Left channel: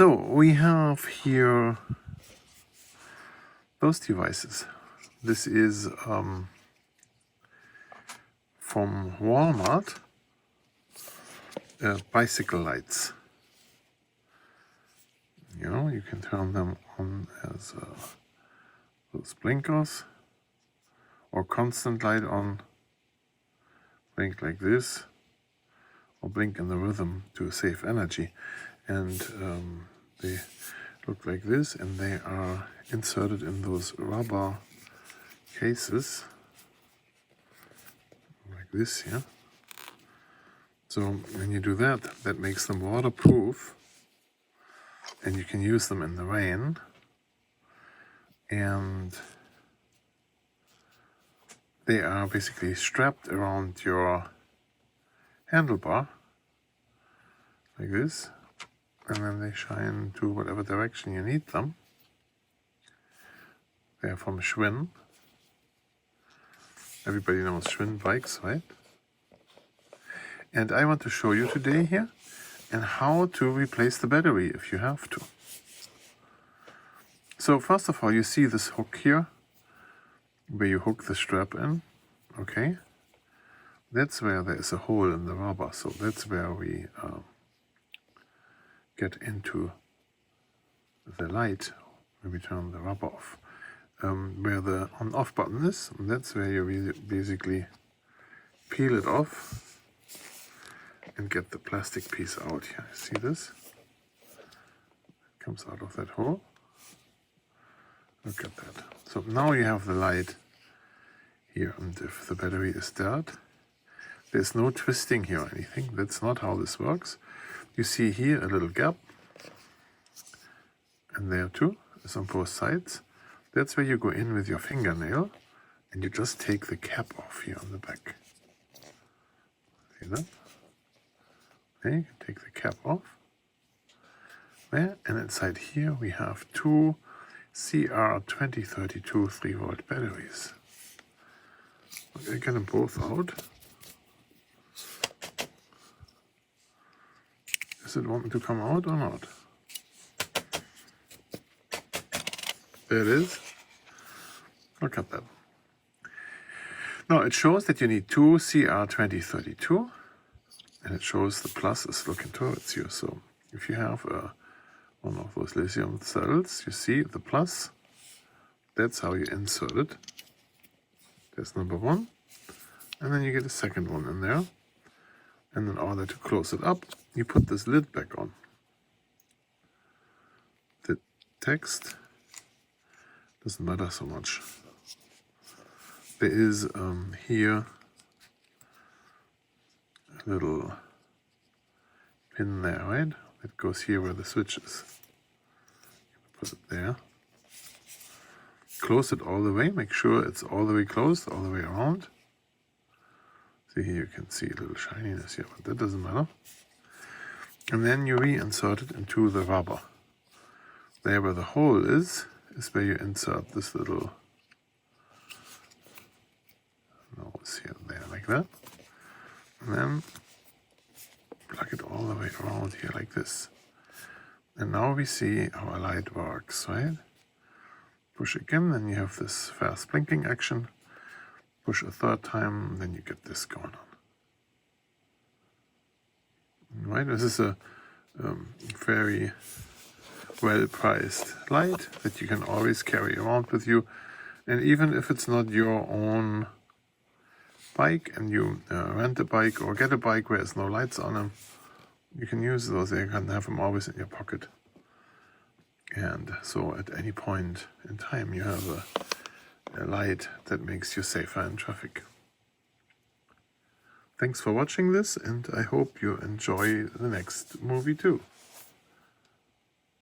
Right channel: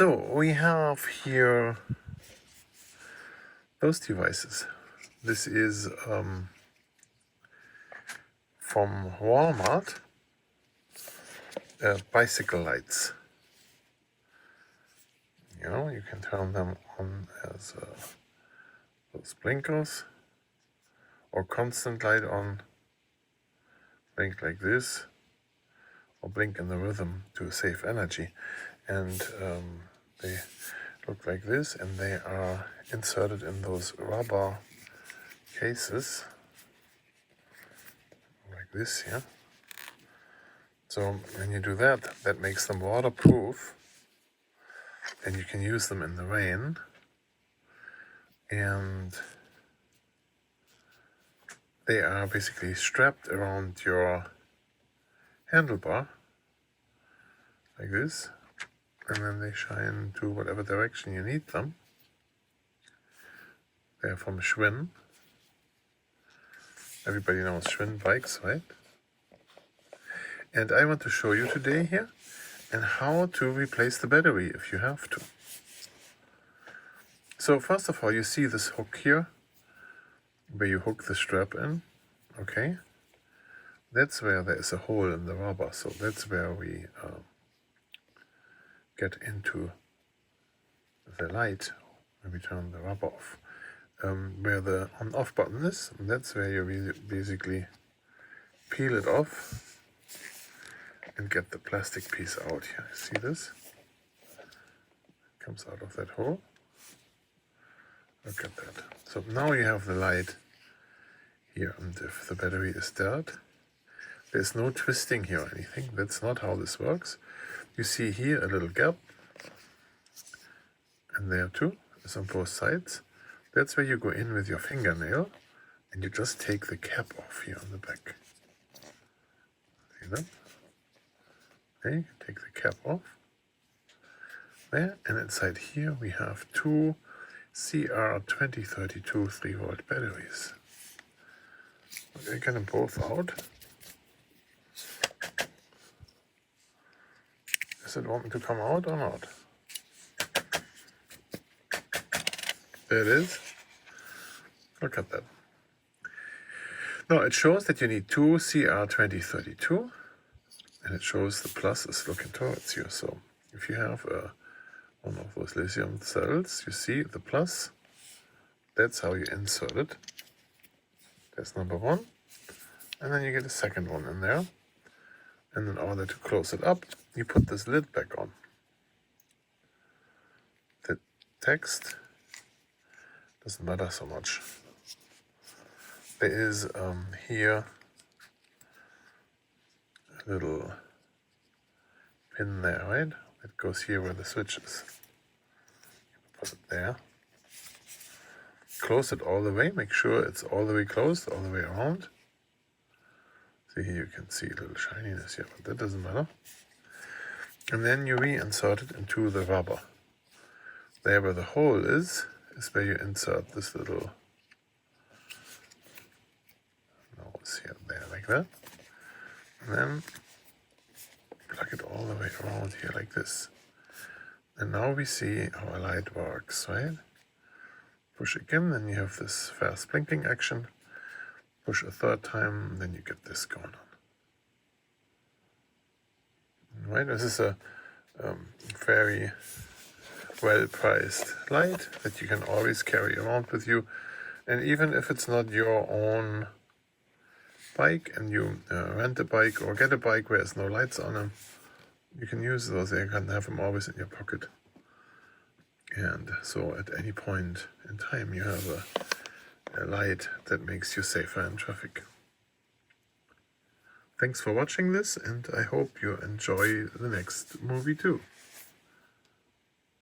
So we have here those devices. This is from Walmart, bicycle lights. You know, you can turn them on as those blinkers, or constant light on, blink like this, or blink in the rhythm to save energy. And they look like this, and they are inserted in those rubber cases, like this here. So when you do that, that makes them waterproof, and you can use them in the rain. And they are basically strapped around your handlebar, like this, and then they shine to whatever direction you need them. They're from Schwinn. Everybody knows Schwinn bikes, right? And I want to show you today here and how to replace the battery if you have to. So first of all, you see this hook here, where you hook the strap in, okay? That's where there is a hole in the rubber, so that's where we get into the light when we turn the rubber off. Where the on-off button is, that's where you basically peel it off and get the plastic piece out here. See this? Comes out of that hole. Look at that. So now you have the light here, and if the battery is dead, there's no twisting here or anything. That's not how this works. You see here a little gap, and there too, it's on both sides. That's where you go in with your fingernail, and you just take the cap off here on the back. See that? Okay, you can take the cap off. There, and inside here we have two CR2032 3-volt batteries. I get them both out. Does it want me to come out or not? There it is. Look at that. Now it shows that you need two CR2032, and it shows the plus is looking towards you. So if you have one of those lithium cells, you see the plus, that's how you insert it. That's number one. And then you get a second one in there. And in order to close it up, you put this lid back on. The text doesn't matter so much. There is here a little pin there, right? That goes here where the switch is. Put it there. Close it all the way. Make sure it's all the way closed, all the way around. See, here you can see a little shininess here, but that doesn't matter. And then you reinsert it into the rubber. There where the hole is where you insert this little nose here and there, like that. And then plug it all the way around here like this. And now we see how a light works, right? Push again, then you have this fast blinking action. Push a third time, then you get this going on. Right, this is a very well-priced light that you can always carry around with you. And even if it's not your own bike and you rent a bike or get a bike where there's no lights on them, you can use those. You can have them always in your pocket. And so at any point in time you have a light that makes you safer in traffic. Thanks for watching this, and I hope you enjoy the next movie too.